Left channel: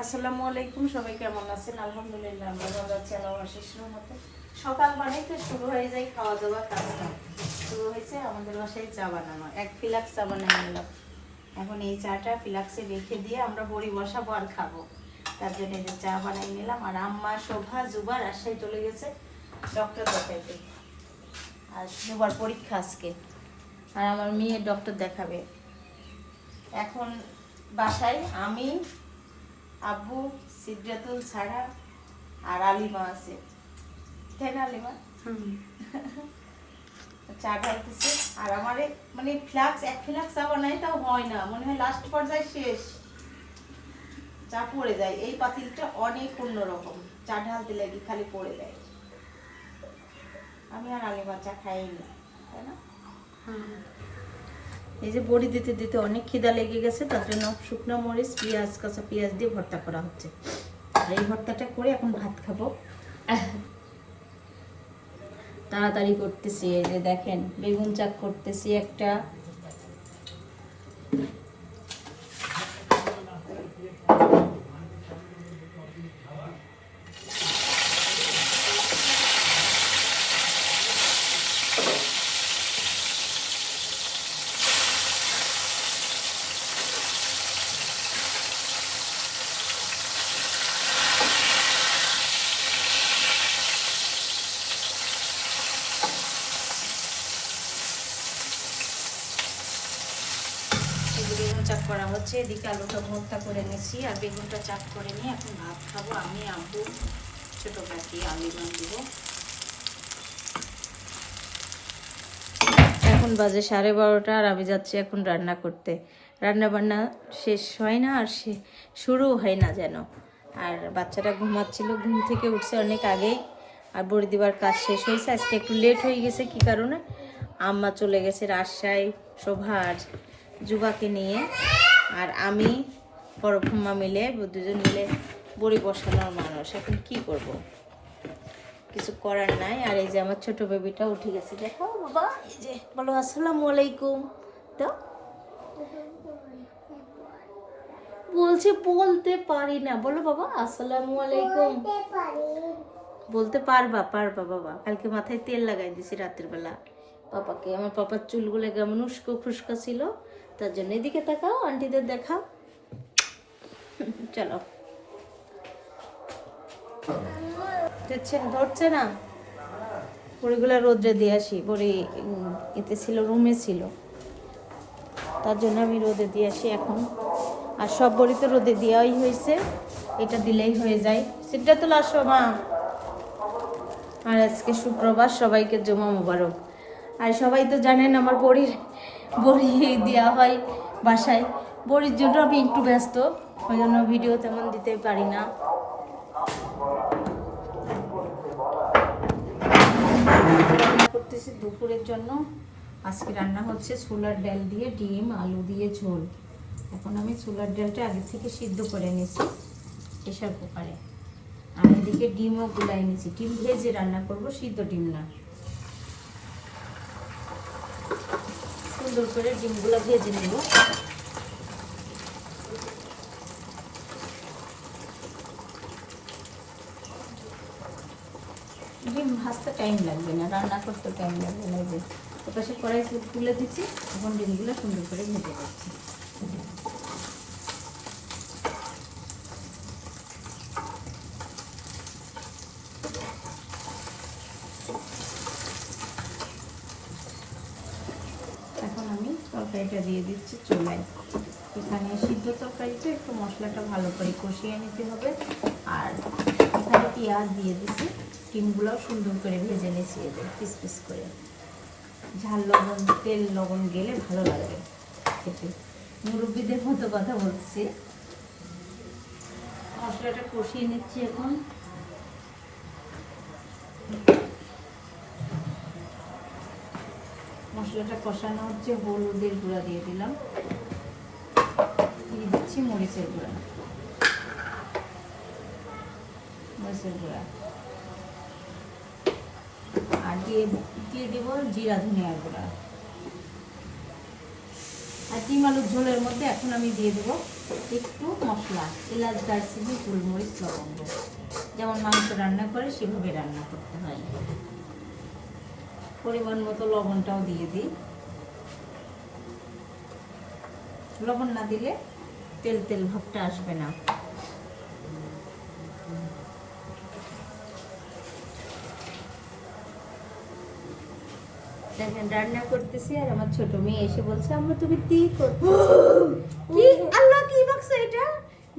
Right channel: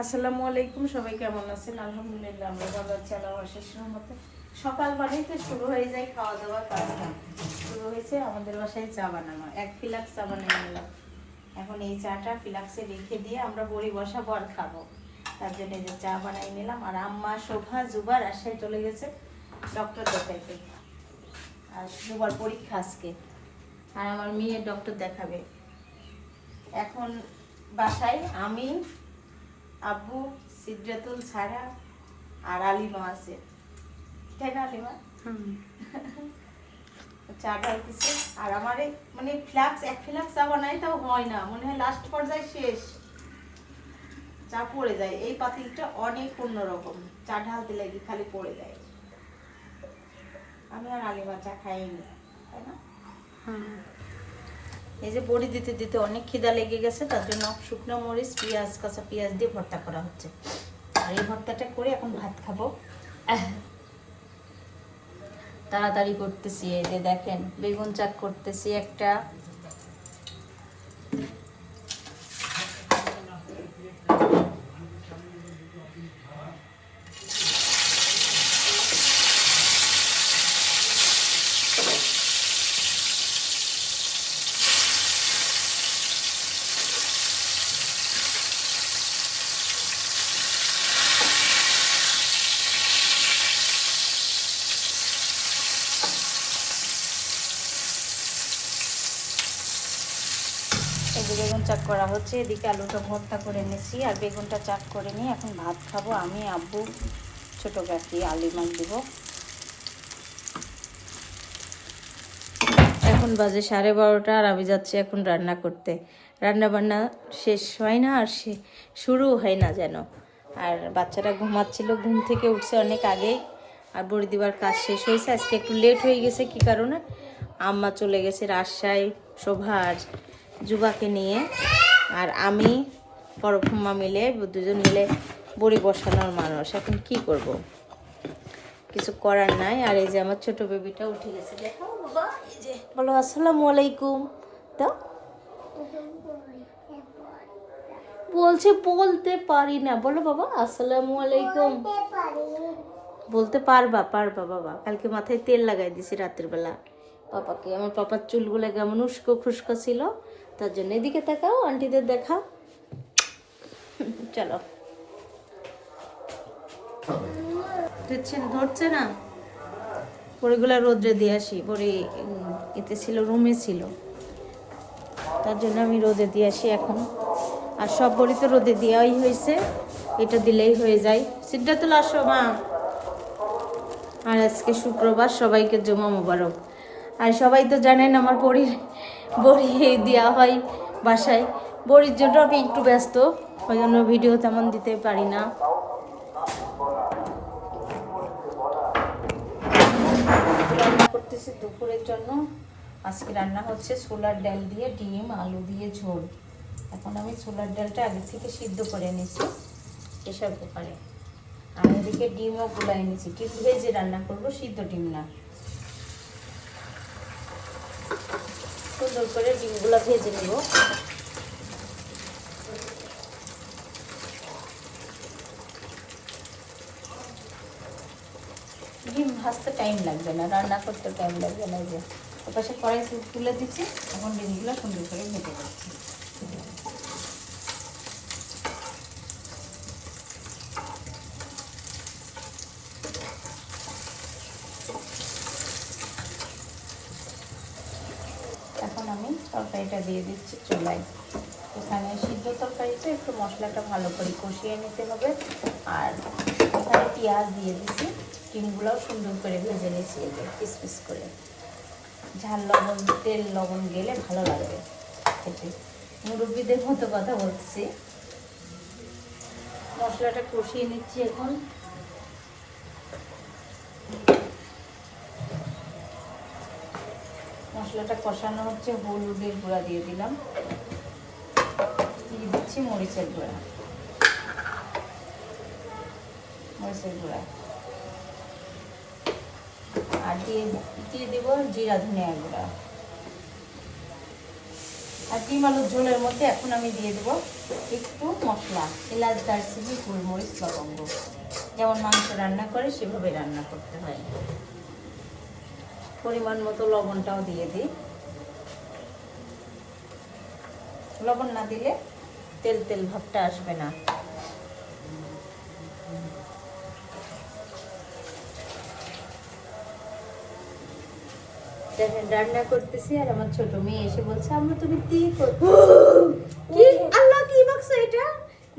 আসসালামু আলাইকুম, সবাই কেমন আছেন? আলহামদুলিল্লাহ আমরা ভালো আছি আল্লাহর অশেষ রহমতে। সকাল মানেই তো শুরু হয়ে যায় খাওয়া দাওয়া কাজটা। শুরু হয়েছে আমাদের বাসায় চা বানানো, 1 ফ্লাক্স চা বানিয়ে নিলাম। এখন এই চাটা ফ্লাক্সে রেখে দিয়ে আমরা বড়ি বসাবো আর খাবো। তার জন্য এই যে চা বানিয়ে নিলাম। আর আম্মা শোভা জুবা রাজশাহী চলে গেছে ডক্টর দেখাইতে, আর জুবার পরীক্ষা আজকে, আর আমার মেয়ে ডক্টর দেখাবে। এখন বাসায় আমি, আব্বু, সিদ্রাতুল ছাড়া আর আলিমা আছে, তাই না আলিমা? চা ঢালতেছে। আর আমার মানে ফ্লাক্স 1 ফ্লাক্স চা বানাই তাও হয় না, মনে হয় লাস্ট পর্যায়ে শেষ চা পড়ে যায়। এই পাতিলটা অনেক অন্যরকম, চা ঢালতে লাগি খালি পড়ে যায়। আমি আর আলিমা চা খাইনি, তাই না? এই যে বড়ি দিতে দিতে অনেক খিদা লেগে গেছে, তার জন্য শুকনো মরিচ, পেঁয়াজ, কাঁচা পেঁয়াজ দিয়ে ভর্তা করা হচ্ছে। আর এই ভর্তাটা করে এখন ভাত খাবো। তাড়াতাড়ি করতেছি। এই যে দেখেন বেগুন চাক করতেছি একটা, বেগুন চাক করা হচ্ছে। এদিকে আলুটা ভর্তা করে নিয়েছি, আর বেগুনটা চাক করে নিয়ে এখন ভাত খাবো। আমি, আব্বু, ছোটো কাকি, আলিমা দিব। এখন বাজে 12:30, আর আমি যাচ্ছি এখন রান্না করতে। রান্না বান্না শেষ হয় না, আর শুরু হয় না যেন। আর বাচ্চারা ঘুমাচ্ছিল, ঘুম থেকে উঠছে অনেক আগেই। আর বড়ি দিবার কাজ শেষ হয়েছে। আজকে একটু লেট হয়ে গেছে, কি কারণে? আম্মা চলে গেছে রাজশাহী শোভা আর যুবাকে নিয়ে, আর আমি পরফুম্মা মিলে, দুজন মিলে বড়ি বসানোর মানুষ। এখন কি করব, কিছু করার নাই। আর এই যে আমার ছোট বেবিটা উঠে গেছে, দেখো বাবা, এই যে বলো আসসালামু আলাইকুম। তো বলছে বলতে পারি না, বলো বাবা আসসালামু আলাইকুম। বলতে পারবা বাবা। কালকে মাথায় তেল লাগাই দিছি রাতের বেলা পাপাকে। আমার পাপার চুলগুলো কেমন উস্কো খুস্কো ছিল, তার জন্য। এদিকে তাকাও, আন্টিদের দেখাও। চলো, ধরছে না। বড়িগুলো রোদ্রে দিয়ে আসি, বড়ি এতে ছিল, রুমে ছিল, তার জন্য আমি রোদে দিয়ে আসি এখন। আর সব বড়ি তো রোদে দেওয়াই হয়েছে, এটা দিলেই হয়ে যায়। সিদ্ধাতুল আসো মা। আর আজকে শুক্রবার, সবাইকে জুমা মোবারক। আর সবাই তো জানেন আমার বড়ি দেওয়া হয় বাসায়। বড়ির জন্য আমি একটু ব্যস্ত, ওই জন্য ভিডিও তেমন দিতে পারি না। করতেছি দুপুরের জন্য। আজকে রান্না হচ্ছে ছোলার ডাল দিয়ে ডিম আলু দিয়ে ঝোল। এখন আমি ছোলার ডালটা আগে থেকে সিদ্ধ করে নিয়েছি প্রেশার কুকারে। আর এদিকে ডিমও গুলাই নিয়েছি। ডিম ভেজে রান্না করব, সিদ্ধ ডিম না। সুন্দর করে ডিমগুলো ভেজে নেব। ডিম ভাজতে টাইম লাগবে না, রান্না করতে টাইম লাগবে না। যে এপাশে কড়াই তুলে দিচ্ছি, এখন ডিমগুলো সুন্দর করে ভেজে দিচ্ছি। এখন আমি তরকারিটা দিয়ে দিচ্ছি চুলায়। এখানে সিদ্ধ তরকারিটা একটু মশলাটা ভালো করে কষিয়ে নিতে হবে। আর এখানে পেঁয়াজ দিয়ে দিচ্ছি, ডিমগুলোও সুন্দর করে ভেজে নিয়েছি, এই যে পিস পিস করে। ঝাল লবণ, তেল লবণ গেলে ভালো লাগবে খেতে। মুরব্বীদের মতো কথা বলছি। মশলাটা কষিয়ে নিচ্ছি এখন। মশলাটা কষানো হচ্ছে, হলুদের গুঁড়া দিয়ে দিলাম, দিয়ে দিচ্ছি মরিচের গুঁড়া, আর দিয়ে দেব জিরা ধনিয়া গুঁড়া। আর ডিম আলুর ঝোলের মধ্যে এখন আমি দিয়ে দেবো একটু মশলা, এলাচ, দারচিনি, গোলমরিচ, লবঙ্গ। যেমন মাংস রান্না করে সেভাবে রান্না করতে হয়। পরিমাণ মতো লবণটাও দিয়ে দিই। লবণ না দিলে তেল তেল ভাবটা আসবে না। দেখেন রান্না করতেছি আর আমার ছোট মেয়ে এসে বলছে আম্মু তুমি কি করতেছো? কি আল্লাহ কি মাখছে এটা?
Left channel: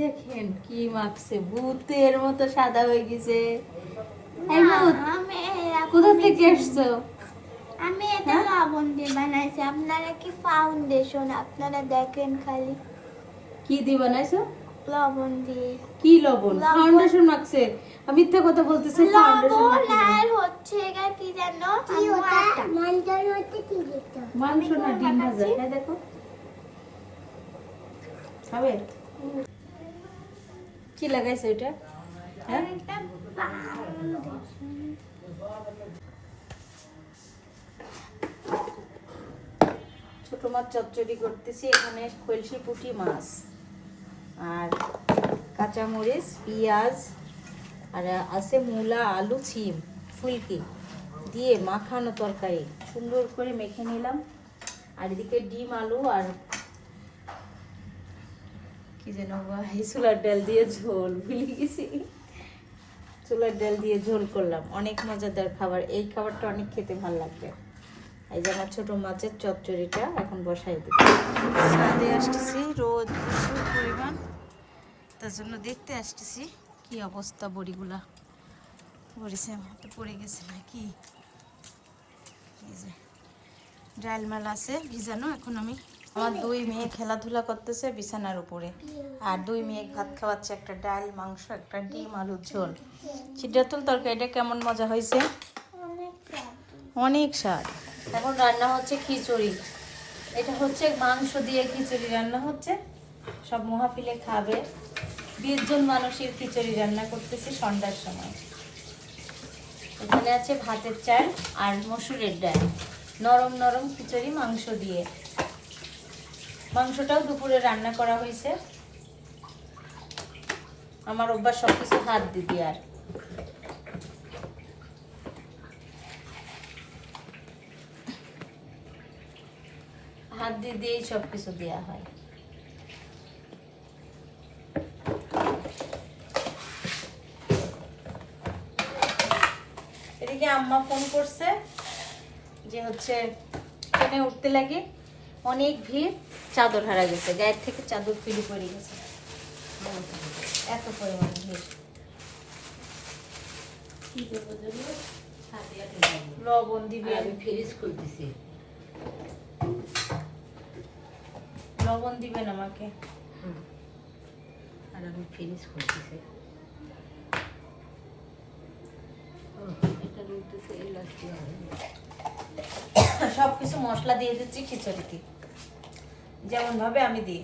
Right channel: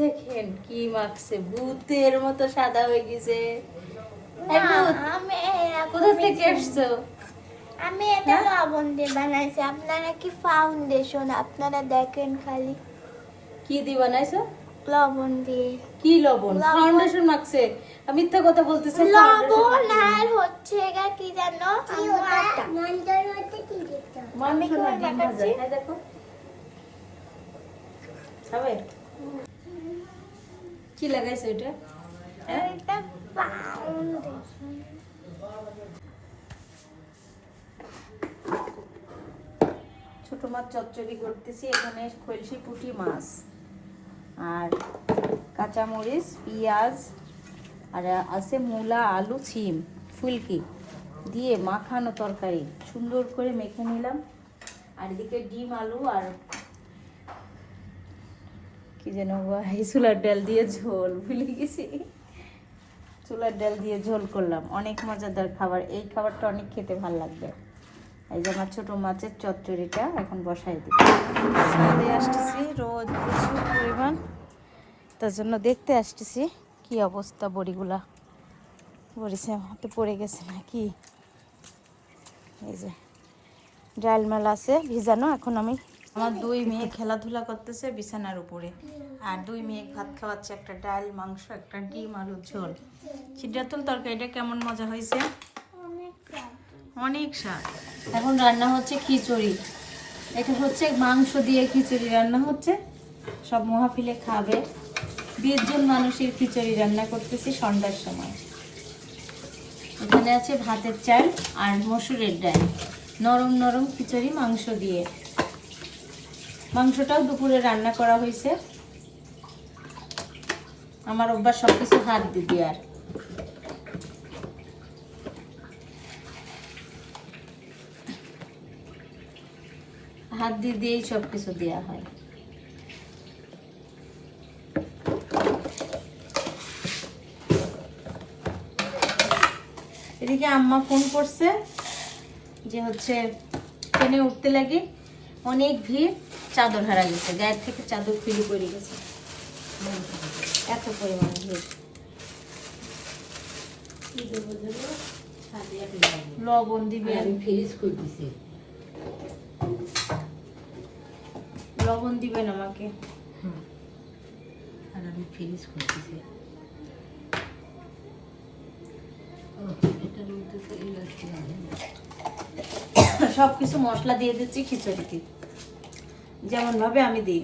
দেখেন কি মাখছে, ভূতের মতো সাদা হয়ে গেছে। এই ভূত কোথা থেকে এসছো? আমি এটা লবণ দিয়ে বানাইছি। আপনারা কি ফাউন্ডেশন আপনারা দেখেন খালি। কি দিয়ে বানাইছো? লবণ দিয়ে। কি লবণ? ফাউন্ডেশন মাখছে। আমি মিথ্যা কথা বলতেছি। লবণ আর হচ্ছে এটা কি জানো? আটা। মঞ্জল হচ্ছে কি দিতে? মাংস না ডিম ভাজা। হ্যাঁ দেখো। খাবে? কি লাগাইছে এটা? হ্যাঁ এটা ফাউন্ডেশন। ছোট মাছ চচ্চড়ি করতেছি। এখানে খলসি পুঁটি মাছ আর কাঁচামরিচ, পেঁয়াজ আর আছে মূলা, আলু, ছিম, ফুলকি দিয়ে মাখানো তরকারি সুন্দর করে মেখে নিলাম। আর এদিকে ডিম, আলু আর কি যেন ছোলার ডাল দিয়ে ঝোল, ভুলে গেছি। ছোলার ডাল দিয়ে ঝোল করলাম। অনেক মজাদার খাবার। এই খাবারটা অনেক খেতে ভালো লাগবে। এই যে আমার ছোটো মাছের চচ্চড়িটা এখন বসাই দিই। ছাদে আসতেছি, রোদ প্রচুর পরিমাণ, তার জন্য দেখতে আসতেছি কি অবস্থা বড়িগুলা। বড়িছে হাতে পড়ে গেছে নাকি। এই যে ডাল মেলা আছে ভিজানো। এখন আমি আমার দুই মেয়ে খেলাধুলা করতেছে বিছানার উপরে, আর দুই মেয়ে ভাত খাওয়াচ্ছে। একটা ডাল, মাংস, একটা ডিম, আলুর ঝোল। সিদ্ধাতুল তরকারিটা কেমন মজা হয়েছে? অনেক স্বাদ। এখন রান্না হচ্ছে খিচুড়ি। এটা হচ্ছে মাংস দিয়ে খিচুড়ি রান্না হচ্ছে। সব মহাফিলে খাবে। 20 জন মানুষের খিচুড়ি রান্না করতেছি সন্ধ্যার সময়। এখানে আছে ভাতের চাল আর মসুরের ডাল, নরম নরম খিচুড়ি মাংস দিয়ে। মাংসটাও দুপুরে রান্না করা হয়েছে। আমার অভ্যাস সবকিছু হাত দিবি আর হাত দিয়ে দিয়েই সব কিছু দেওয়া হয়। এদিকে আম্মা ফোন করছে যে হচ্ছে ট্রেনে উঠতে লাগে, অনেক ভিড়, চাদর হারা গেছে, গায়ের থেকে চাদর ফিরে পড়ে গেছে, এত পরিমাণ ভিড়। লবণ দিবি, আমি ফ্রিজ করতেছি। লবণ দিবেন আমাকে। আর আমি ফ্রিজ করতেছি। সবকিছু মশলা দিয়ে দিচ্ছি খিচুড়িতে যেমন ভাবে আমি দিই।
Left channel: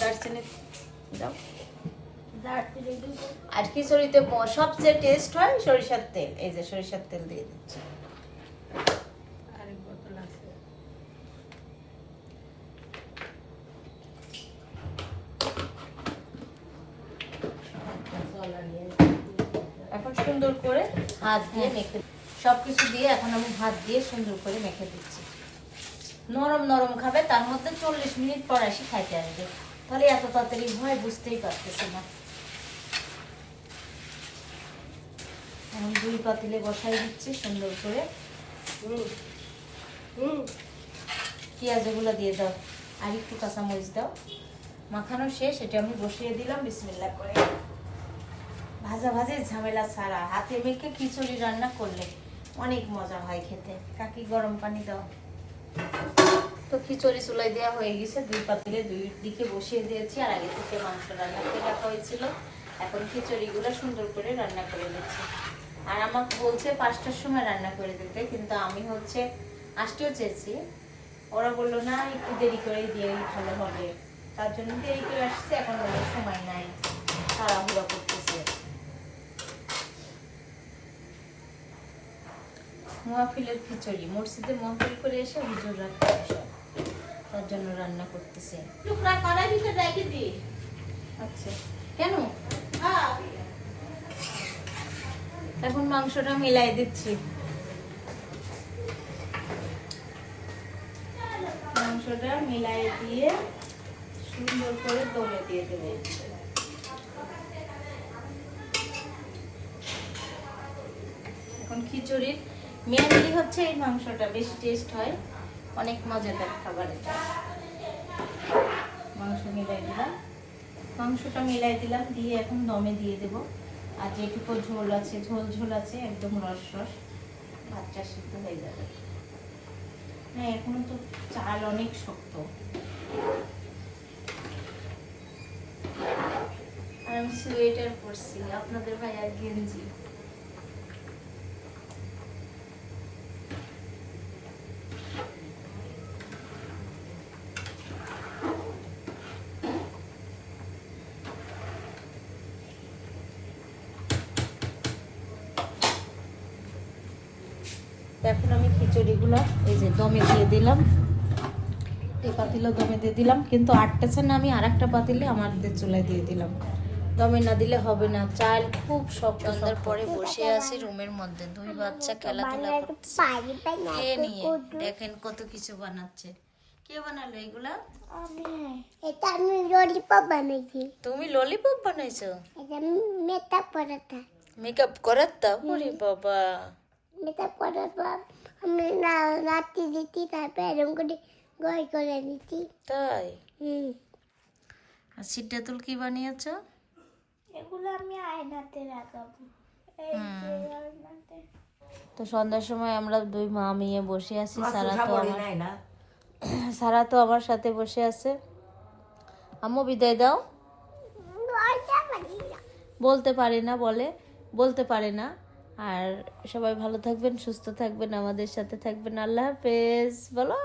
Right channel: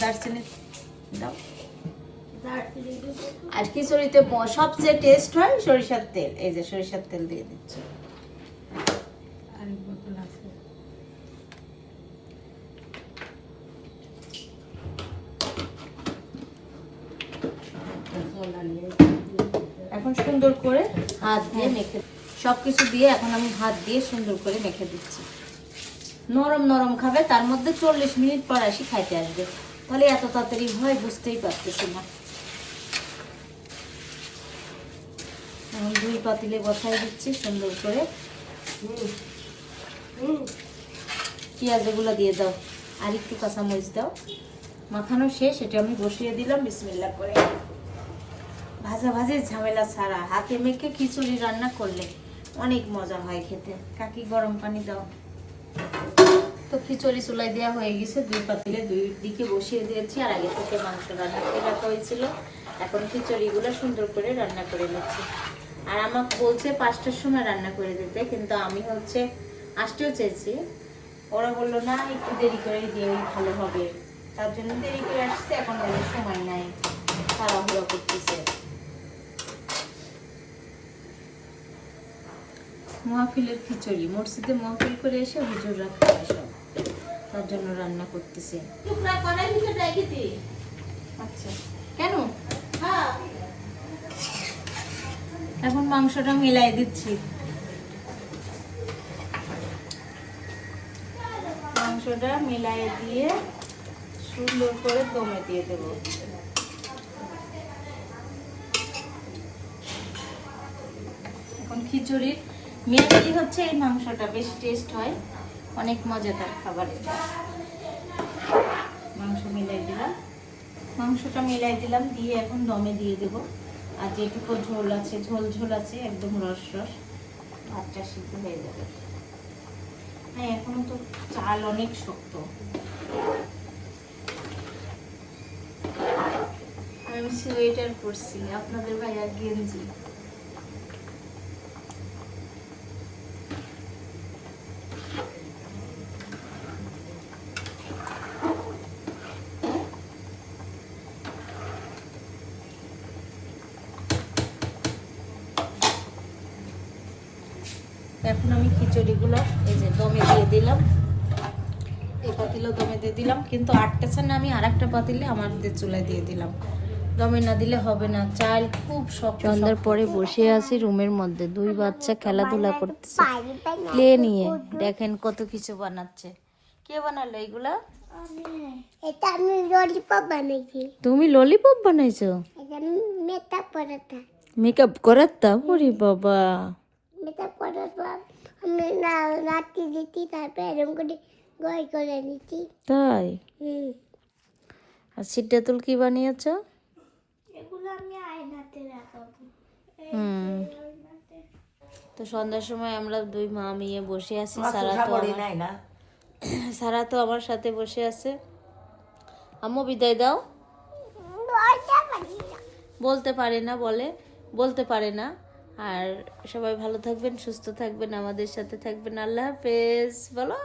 দারচিনি দাও। আর খিচুড়িতে সবচেয়ে টেস্ট হয় সরিষার তেল। এই যে সরিষার তেল দিয়ে দিচ্ছি। এখন সুন্দর করে হাত দিয়ে মেখে, সবকিছু দিয়ে এখন আমি হাত দিয়ে সুন্দর করে মেখে দিচ্ছি। নরম নরম খাবে, তার মধ্যে 40 মিনিট পর আসি খাইতে আসবে। তাহলে এত তাড়াতাড়ি হয় বুঝতেই পারতেছি না। এখন 2 পাতিলে বসাই দিচ্ছি সুন্দর করে। পেঁয়াজ এগুলো দিয়ে দাও, আর একটু কাঁচামরিচ দাও। মাখানো শেষ, এটা আমি বসিয়ে দিলাম বিসমিল্লাহ করে। ভাজা ভাজের ঝামেলা ছাড়া হাতে মেখে খিচুড়ি রান্না করলে অনেক মজা হয় খেতে। কাকি গরম পানি দাও। তো খিচুড়ি চুলাই দেওয়া হয়ে গেছে, 2 পাতিলে 2 দিকে বসিয়ে দিয়েছি। আর আগে থেকে মাংস রান্না করে রাখা হয়েছিল। এখন খিচুড়িগুলো সুন্দর করে রান্না করে নিচ্ছি। আর আমাকে বলছে 5টার সময় রান্না করে দিতে, কিন্তু আমি হচ্ছে আসতেও চেয়েছি। ওরা বললো না একটু দেরি করে দিয়ে ভালো হবে, তার জন্য দেরি করে আসছে। এখন ওদের সময় নাই, তাড়াহুড়ো করতেছে। মাহফিলের খিচুড়ি, মসজিদে মাহফিল করে এসে হুজুররা খায় সব, তার জন্য রান্না করতেছি। আচ্ছা, কেন? এখন মাংসটা মিলাই দিচ্ছি। মাংসটা মিলাই দিয়ে সুন্দর করে দমে দিয়ে দেবো। এখন খিচুড়ির মেয়াদি হচ্ছে এই মাংসটা, বেশি টেস্ট হয়, অনেক মজাদার খাবার এটা। মাংসটা মিলাই দিলাম, দিয়ে এখন দমে দিয়ে দেব। আর যেটুকু ঝোল আছে, ঝোল আছে, একদম রস ভাতটা সিদ্ধ হয়ে যাবে। হ্যাঁ, এখনো তো চাল অনেক শক্ত। আমি সোয়েটার পরছি, আপনাদের ভাইয়া গেঞ্জি। এখন আমি খিচুড়িগুলো এই যে দমে দিয়ে দিলাম, এই পাতিলে দমে দিয়ে দিলাম, কিন্তু আটটাছে না, আমি আরেকটা পাতিলে আমাদের চুলায় দিয়ে দিলাম। দমে না দিলে হবে না, চাল খুব শক্ত। সন্ধ্যার পরে বসে আছি রুমের মধ্যে, দুই বাচ্চা খেলাধুলা করতেছে প্লে নিয়ে। দেখেন কত কিছু বানাচ্ছে। কে বানালো এগুলা? এটা আমি ললিপপ বানাইছি। তুমি ললিপপ বানাইছো? এটা মেকআপ পরাটা। মেকআপ করাতাম? ওরে বাবা, মেকআপ করার পর আমি রাত্রি দিচ্ছি, তারপর এরকম করে গয় করে নিচ্ছি। তাই? আর সিদ্ধাতুল কি বানিয়েছো? এগুলো আমি আয়নাতে লাগাবো। তো সন্ধ্যার সময় আমরা দুই মা মেয়ে বসে আছি। সারা তো আমার সাথে বসে আছে। আম্মু বিদায় দাও। বলতে পারে না, বলতে পারে না। আর সবাই ভালো থাকবেন, সুস্থ থাকবেন, আমাদের সাথে থাকবেন। আল্লাহ হাফেজ বলো।